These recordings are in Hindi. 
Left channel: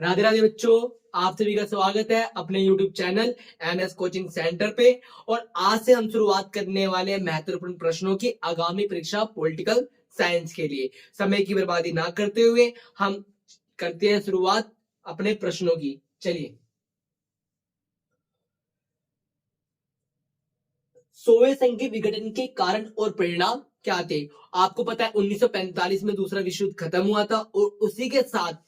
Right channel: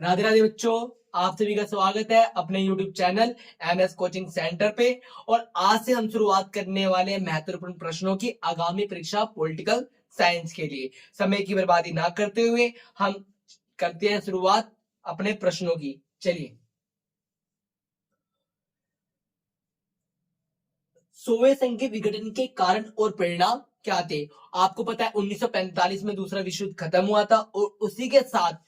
राधे राधे बच्चों, आप सभी का स्वागत है अपने YouTube channel MS coaching centre पे। और आज से हम शुरुआत करने वाले हैं महत्वपूर्ण प्रश्नों की आगामी परीक्षा पॉलिटिकल साइंस के लिए। समय की बर्बादी ना करते हुए हम करते हैं शुरुआत अपने प्रश्नों की। चलिए, सोवियत संघ के विघटन के कारण और परिणाम क्या थे? आपको पता है 1945 में दूसरा विश्व युद्ध खत्म हुआ था और उसी के साथ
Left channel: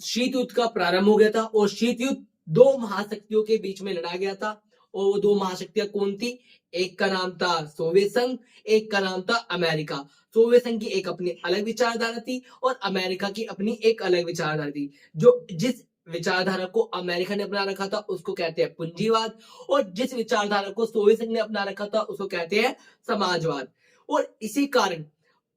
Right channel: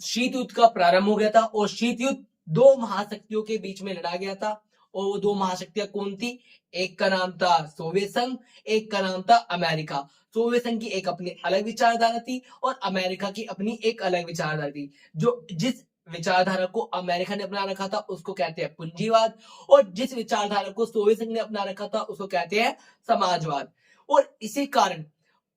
शीत युद्ध का प्रारंभ हो गया था। और शीत युद्ध दो महाशक्तियों के बीच में लड़ा गया था। और वो दो महाशक्तियां कौन थी? एक का नाम था सोवियत संघ, एक का नाम था अमेरिका। सोवियत संघ की एक अपनी अलग विचारधारा थी और अमेरिका की अपनी एक अलग विचारधारा थी। जो जिस विचारधारा को अमेरिका ने अपना रखा था उसको कहते हैं पूंजीवाद, और जिस विचारधारा को सोवियत संघ ने अपना रखा था उसको कहते हैं समाजवाद। और इसी कारण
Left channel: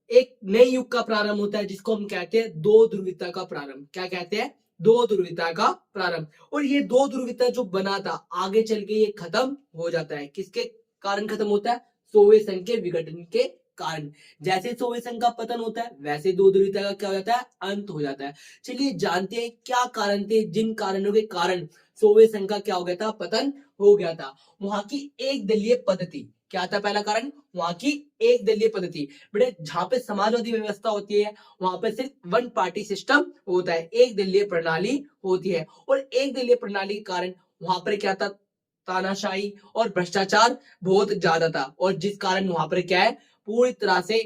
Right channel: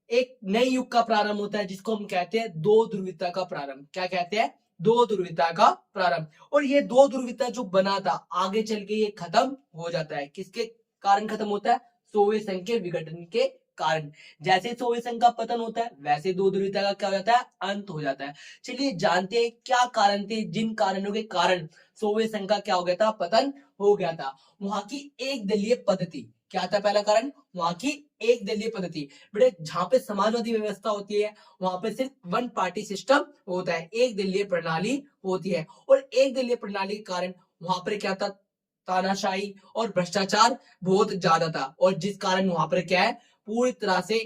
एक नए युग का प्रारंभ होता है जिसको हम कहते हैं दो ध्रुवीयता का प्रारंभ। क्या कहते हैं? दो ध्रुवीयता का प्रारंभ। और ये दो ध्रुवीयता जो बना था आगे चल के ये खत्म हो जाता है। किसके कारण खत्म होता है? सोवियत संघ के विघटन के कारण। जैसे सोवियत संघ का पतन होता है वैसे दो ध्रुवीयता का क्या हो जाता है? अंत हो जाता है। चलिए जानते हैं क्या कारण थे जिन कारणों के कारण सोवियत संघ का क्या हो गया था? पतन हो गया था। वहां की एक दलीय पद्धति। क्या था पहला कारण? वहां की एक दलीय पद्धति। बेटे, जहां पे समाजवादी व्यवस्था होती है वहां पे सिर्फ वन पार्टी सिस्टम होता है, एक दलीय प्रणाली होती है। और एक दलीय प्रणाली के कारण वहां पर क्या था? तानाशाही और भ्रष्टाचार बहुत ज्यादा था। और जिस कारण वहां पर क्या है? पूरी तरह से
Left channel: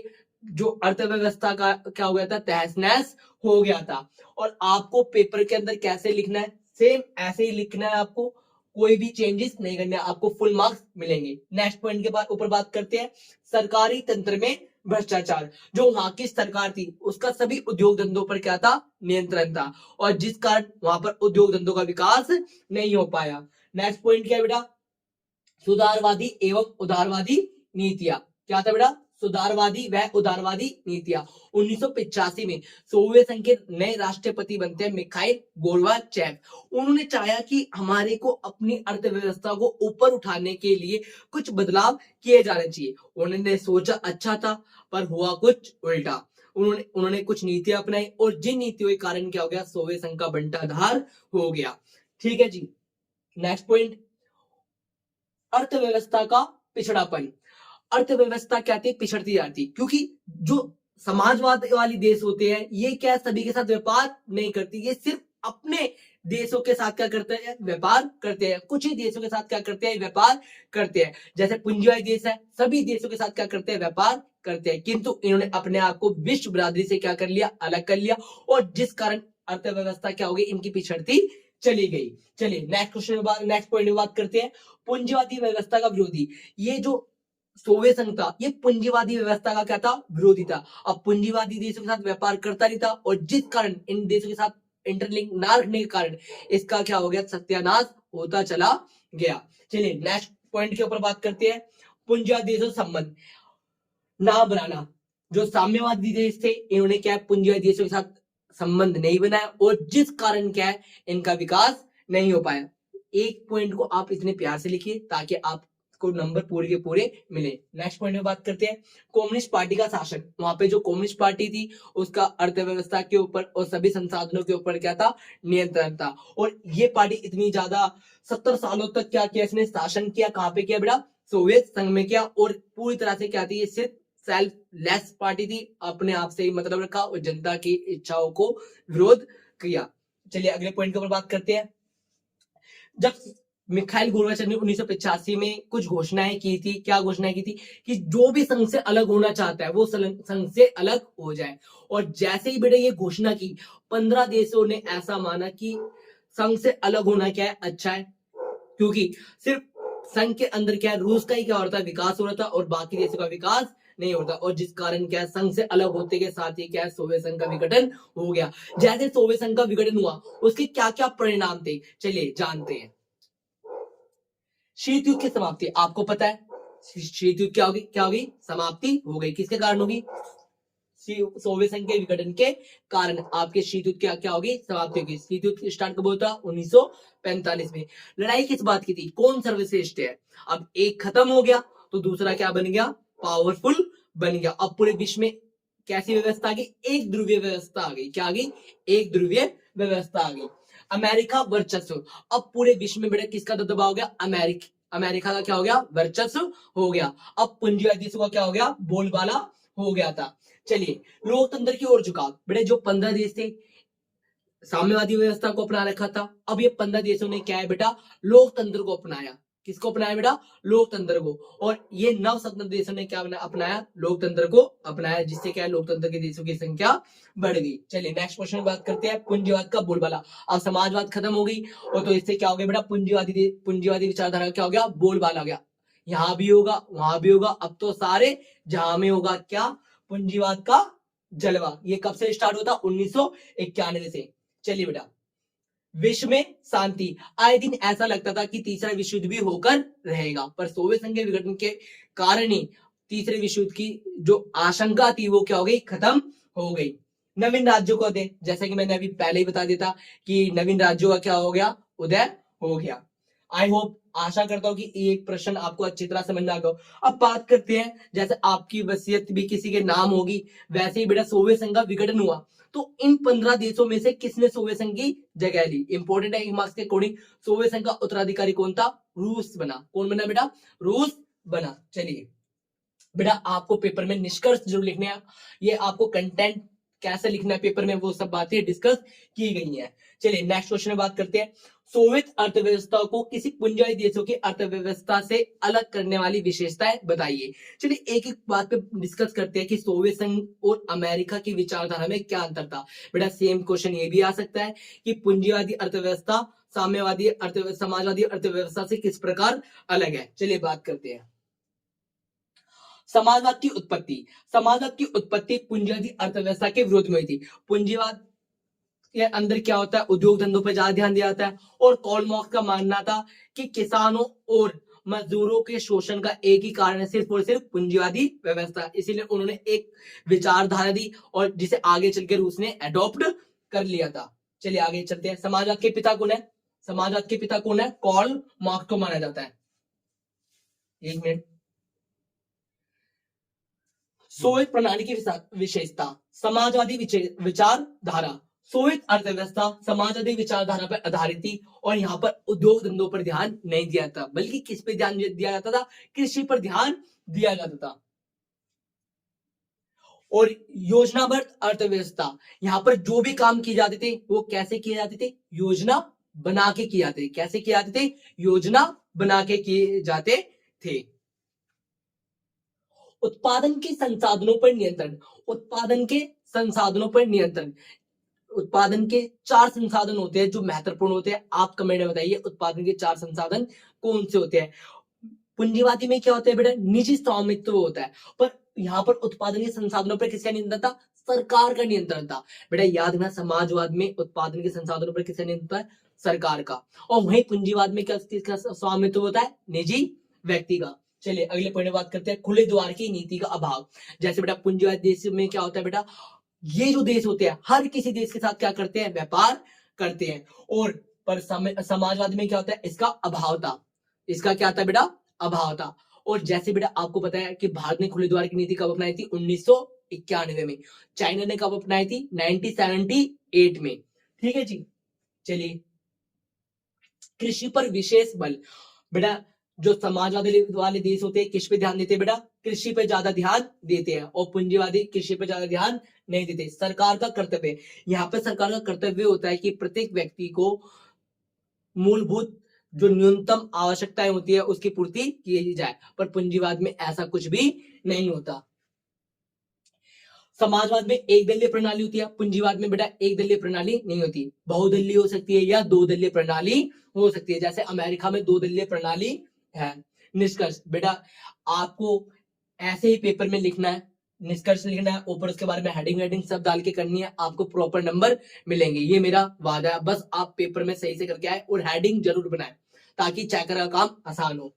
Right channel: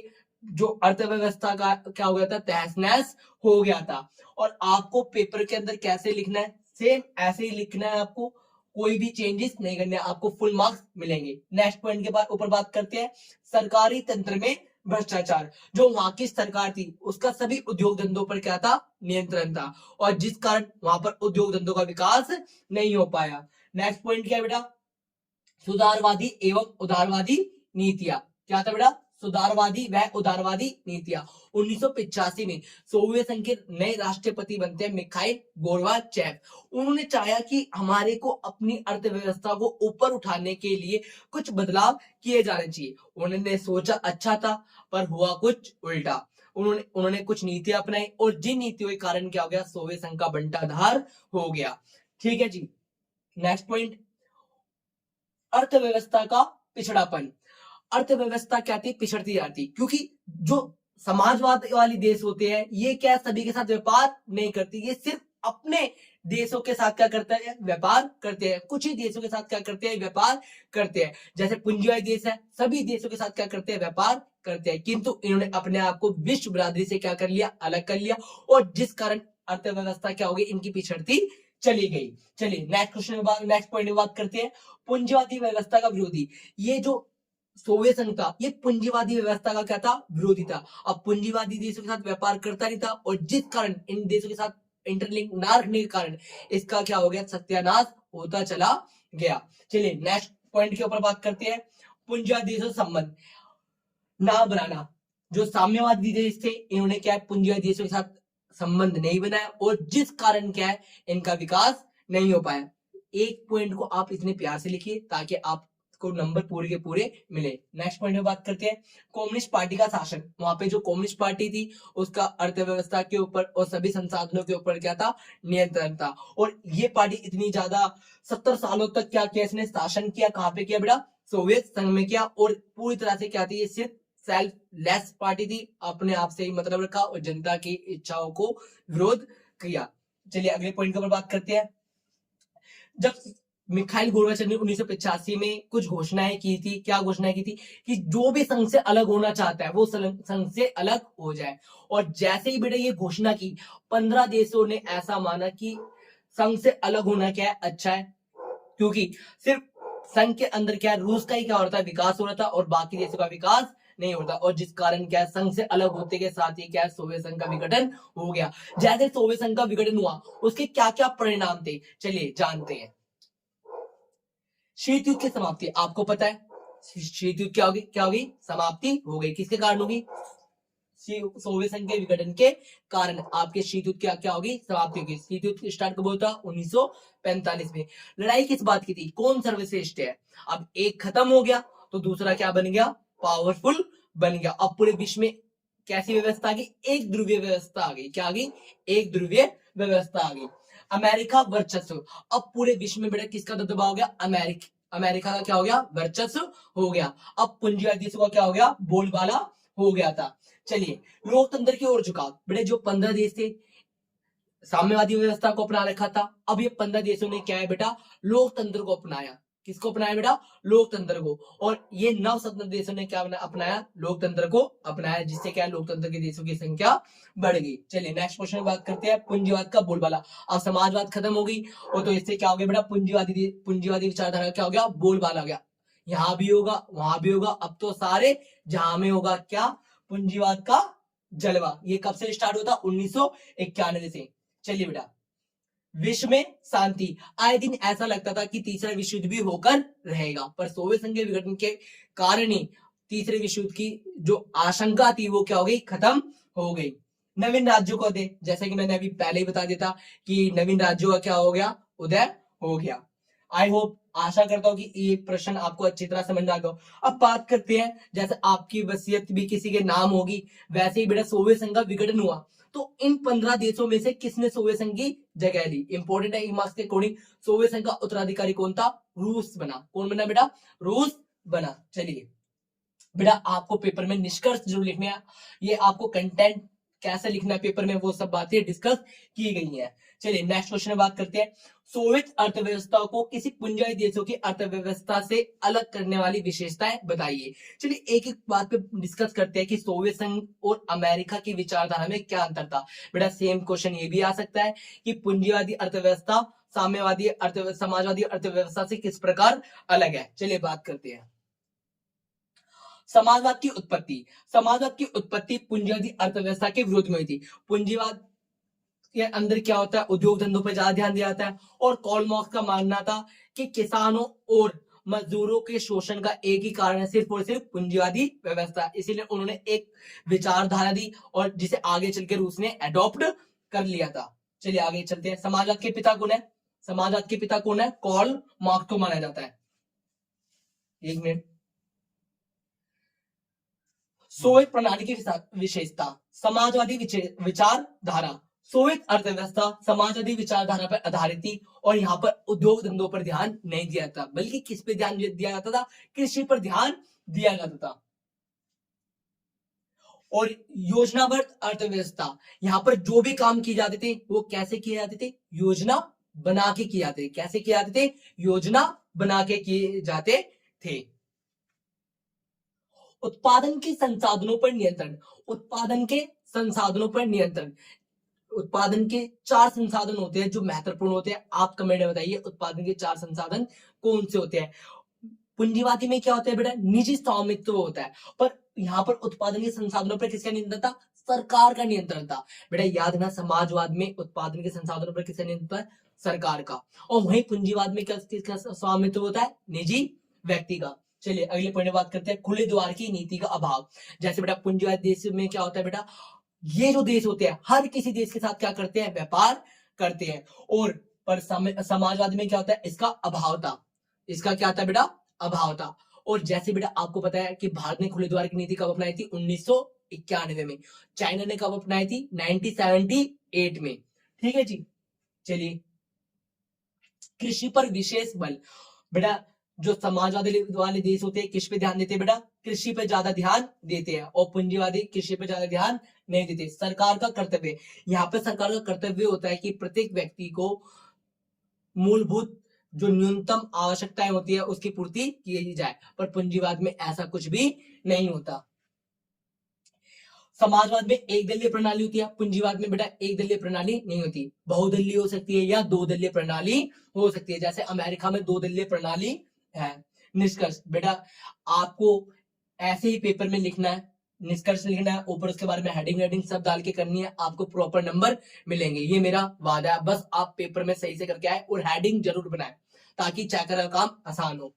जो अर्थव्यवस्था का क्या हो गया था? तहस नहस हो गया था। और आपको पेपर के अंदर कैसे लिखना है? सेम ऐसे ही लिखना है आपको, कोई भी चेंजेस नहीं करने, आपको फुल मार्क्स मिलेंगे। नेक्स्ट पॉइंट के बाद ऊपर बात करते हैं सरकारी तंत्र में भ्रष्टाचार। जो वहां की सरकार थी उसका सभी उद्योग धंधों पर क्या था? नियंत्रण था। और जिस कारण वहां पर उद्योग धंधों का विकास नहीं हो पाया। नेक्स्ट पॉइंट क्या है बेटा? सुधारवादी एवं उदारवादी नीतियां। क्या था बेटा? सुधारवादी व उदारवादी नीतियां। 1985 में सोवियत संघ के नए राष्ट्रपति बनते हैं मिखाइल गोर्बाचेव। उन्होंने चाहा कि हमारे को अपनी अर्थव्यवस्था को ऊपर उठाने के लिए कुछ बदलाव किए जाने चाहिए। उन्होंने सोचा अच्छा था, पर हुआ कुछ उल्टा। उन्होंने कुछ नीतियां अपनाई और जिन नीतियों के कारण क्या हो गया? सोवियत संघ का बंटाधार हो गया। ठीक है जी। नेक्स्ट पॉइंट, अर्थव्यवस्था का पिछड़ापन। अर्थव्यवस्था क्या थी? पिछड़ती जाती, क्योंकि जो समाजवाद वाली देश होते हैं ये क्या सभी के साथ व्यापार नहीं करती, ये सिर्फ अपने देशों के साथ क्या करते हैं? व्यापार करते हैं। कुछ ही देशों के साथ क्या करते हैं? व्यापार करते हैं। जैसे पूंजीवादी देश है, सभी देशों के साथ क्या करते हैं? व्यापार करते हैं। किंतु इन्होंने अपने आप को विश्व बरादरी से क्या कर लिया? अलग कर लिया। और जिस कारण अर्थव्यवस्था क्या हो गई? इनकी पिछड़ती चली गई। चलिए नेक्स्ट क्वेश्चन, नेक्स्ट पॉइंट में बात करते हैं पूंजीवादी व्यवस्था का विरोधी। ये जो सोवियत संघ था ये पूंजीवादी व्यवस्था का क्या था? विरोधी था। अब पूंजीवादी देशों के साथ व्यापार करता नहीं था और जिस कारण इन देशों के साथ इंटरलिंक ना रखने के कारण इसका क्या हो गया? सत्यानाश होता चला गया। चलिए नेक्स्ट पॉइंट के ऊपर बात करते हैं पूंजीवादी देशों से संबंध ना बनाना। जो साम्यवादी देश थे इन्होंने क्या है? पूंजीवादी देशों के साथ संबंध नहीं बनाया और जिस कारण क्या है? इनका विकास नहीं हो पाया। एक पॉइंट को आप इतने प्यार से लिखिए ताकि आपको नंबर पूरे के पूरे मिले। नेक्स्ट पॉइंट में बात करते हैं कम्युनिस्ट पार्टी का शासन। वहां पे जो कम्युनिस्ट पार्टी थी उसका अर्थव्यवस्था के ऊपर और सभी संसाधनों के ऊपर क्या था? नियंत्रण था। और ये पार्टी इतनी ज्यादा 70 सालों तक क्या किया? इसने शासन किया। कहां पे किया बेटा? सोवियत संघ में किया। और पूरी तरह से क्या थी? ये सिर्फ सेल्फलेस पार्टी थी, अपने आप से ही मतलब रखा और जनता की इच्छाओं को विरोध किया। चलिए अगले पॉइंट के ऊपर बात करते हैं। जब मिखाइल गोर्बाचेव ने 1985 में कुछ घोषणाएं की थी। क्या घोषणाएं की थी? कि जो भी संघ से अलग होना चाहता है वो संघ से अलग हो जाए। और जैसे ही बेटा ये घोषणा की 15 देशों ने ऐसा माना कि संघ से अलग होना क्या है? अच्छा है, क्योंकि सिर्फ संघ के अंदर क्या है? रूस का ही क्या हो रहा था? विकास हो रहा था और बाकी देशों का विकास नहीं होता। और जिस कारण क्या है? संघ से अलग होते के साथ ही क्या है? सोवियत संघ का विघटन हो गया। जैसे सोवियत संघ का विघटन हुआ उसके क्या क्या परिणाम थे चलिए जानते हैं। शीत युद्ध की समाप्ति। आपको पता है शीत युद्ध क्या होगी? क्या होगी? समाप्ति हो गई। किसके कारण होगी? सोवियत संघ के विघटन के कारण आपके शीत युद्ध क्या क्या होगी? समाप्ति होगी। शीत युद्ध स्टार्ट कब होता? 1945 में। लड़ाई किस बात की थी? कौन सर्वश्रेष्ठ है? अब एक खत्म हो गया तो दूसरा क्या बन गया? पावरफुल बन गया। अब पूरे विश्व में कैसी व्यवस्था आ गई? एक ध्रुवीय व्यवस्था आ गई। क्या आ गई? एक ध्रुवीय व्यवस्था आ गई। अमेरिका वर्चस्व, अब पूरे विश्व में बेटा किसका दबदबा हो गया? अमेरिका का क्या हो गया? वर्चस्व हो गया। अब पूंजीवादी देशों का क्या हो गया? बोलबाला हो गया था। चलिए, लोकतंत्र की ओर झुकाव, बेटा जो 15 देश थे साम्यवादी व्यवस्था को अपना रखा था, अब ये 15 देशों ने क्या है बेटा? लोकतंत्र को अपनाया। किसको अपनाया बेटा? लोकतंत्र को। और ये नव स्वतंत्र देशों ने क्या अपनाया? लोकतंत्र को अपनाया, जिससे क्या है? लोकतंत्र के देशों की संख्या बढ़ गई। चलिए नेक्स्ट क्वेश्चन में बात करते हैं पूंजीवाद का बोलबाला। अब समाजवाद खत्म हो गई और तो इससे क्या हो गया बेटा? पूंजीवादी विचारधारा क्या हो गया? बोलबाला आ गया। यहां भी होगा, वहां भी होगा, अब तो सारे जहां में होगा क्या? पूंजीवाद का जलवा। ये कब से स्टार्ट होता? 1991 से। चलिए बेटा, विश्व में शांति, आए दिन ऐसा लगता था कि तीसरा विश्व युद्ध भी होकर रहेगा, पर सोवियत संघ के विघटन के कारण ही तीसरे विश्व युद्ध की जो आशंका थी वो क्या हो गई? खत्म हो गई। नवीन राज्यों को दे, जैसे कि मैंने अभी पहले ही बता दिया था कि नवीन राज्यों का क्या हो गया? उदय हो गया। आई होप, आशा करता हूं कि ये प्रश्न आपको अच्छी तरह समझ में आ गया। अब बात करते हैं, जैसे आपकी वसीयत भी किसी के नाम होगी, वैसे ही बेटा सोवियत संघ का विघटन हुआ, तो इन 15 देशों में से किसने सोवियत संघ की जगह ली? इंपॉर्टेंट है मार्क्स के अकॉर्डिंग। सोवियत संघ का उत्तराधिकारी कौन था? रूस बना। कौन बना बेटा? रूस बना। चलिए बेटा, आपको पेपर में निष्कर्ष जरूर लिखने हैं, ये आपको कंटेंट कैसे लिखना है पेपर में वो सब बातें डिस्कस की गई हैं। चलिए नेक्स्ट क्वेश्चन में बात करते हैं, सोवियत अर्थव्यवस्था को किसी पूंजीवादी देशों की अर्थव्यवस्था से अलग करने वाली विशेषताएं बताइए। चलिए एक एक बात पे डिस्कस करते हैं कि सोवियत संघ और अमेरिका की विचारधारा में क्या अंतर था। बेटा सेम क्वेश्चन ये भी आ सकता है कि पूंजीवादी अर्थव्यवस्था साम्यवादी समाजवादी अर्थव्यवस्था से किस प्रकार अलग है। चलिए बात करते हैं। समाजवाद की उत्पत्ति, समाजवाद की उत्पत्ति पूंजीवादी अर्थव्यवस्था के विरोध में थी। पूंजीवाद के अंदर क्या होता है? उद्योग धंधों पर ज्यादा ध्यान दिया जाता है, और कार्ल मार्क्स का मानना था कि किसानों और मजदूरों के शोषण का एक ही कारण है, सिर्फ और सिर्फ पूंजीवादी व्यवस्था। इसीलिए उन्होंने एक विचारधारा दी और जिसे आगे चलकर रूस ने अडॉप्ट कर लिया था। चलिए आगे चलते हैं। समाजवाद के पिता कौन है? समाजवाद के पिता कौन है? कार्ल मार्क्स को माना जाता है। एक मिनट। सोवियत प्रणाली की विशेषता, समाजवादी विचारधारा। सोवियत अर्थव्यवस्था समाजवादी विचारधारा पर आधारित थी और यहाँ पर उद्योग धंधों पर ध्यान नहीं दिया था, बल्कि किस पर ध्यान दिया जाता था? कृषि पर ध्यान दिया जाता था। और योजनाबद्ध अर्थव्यवस्था, यहाँ पर जो भी काम किए जाते थे वो कैसे किए जाते थे? योजना बना के किए जाते थे। कैसे किए जाते थे? योजना बना के किए जाते थे। उत्पादन के संसाधनों पर नियंत्रण, उत्पादन के संसाधनों पर नियंत्रण। उत्पादन के 4 संसाधन होते हैं जो महत्वपूर्ण होते हैं। आप कमेंट में बताइए उत्पादन के 4 संसाधन कौन से होते हैं। पूंजीवादी में क्या होता है बेटा? निजी स्वामित्व होता है, पर यहाँ पर उत्पादन के संसाधनों पर किसका नियंत्रण था? सरकार का नियंत्रण था। बेटा याद ना, समाजवाद में उत्पादन के संसाधनों पर किसका नियंत्रण है? सरकार का। और वहीं पूंजीवाद में किसका स्वामित्व होता है? निजी व्यक्ति का। चलिए अगले पॉइंट में बात करते हैं, खुले द्वार की नीति का अभाव। जैसे बेटा पूंजीवाद देश में क्या होता है बेटा? ये जो देश होते हैं हर किसी देश के साथ क्या करते हैं? व्यापार करते हैं। और पर समाजवाद में क्या होता है? इसका अभाव था। इसका क्या था बेटा? अभाव था। और जैसे बेटा आपको पता है कि भारत ने खुले द्वार की नीति कब अपनाई थी? 1991 में। चाइना ने कब अपनाई थी? 1978 में। ठीक है जी। चलिए, कृषि पर विशेष बल। बेटा जो समाजवादी वाले देश होते हैं किस पे ध्यान देते हैं बेटा? कृषि पे ज्यादा ध्यान देते हैं, और पूंजीवादी कृषि पे ज्यादा ध्यान नहीं देते। सरकार का कर्तव्य, यहाँ पे सरकार का कर्तव्य होता है कि प्रत्येक व्यक्ति को मूलभूत जो न्यूनतम आवश्यकताएं होती है उसकी पूर्ति की जाए, पर पूंजीवाद में ऐसा कुछ भी नहीं होता। समाजवाद में एक दलीय प्रणाली होती है, पूंजीवाद में बेटा एक दलीय प्रणाली नहीं होती, बहुदलीय हो सकती है या दो दलीय प्रणाली हो सकती है। जैसे अमेरिका में दो दलीय प्रणाली है। निष्कर्ष बेटा आपको ऐसे ही पेपर में लिखना है, निष्कर्ष लिखना है, ऊपर उसके बारे में हेडिंग सब डाल के करनी है, आपको प्रॉपर नंबर मिलेंगे, ये मेरा वादा है। बस आप पेपर में सही से करके आए और हेडिंग जरूर बनाए ताकि चेकर का काम आसान हो।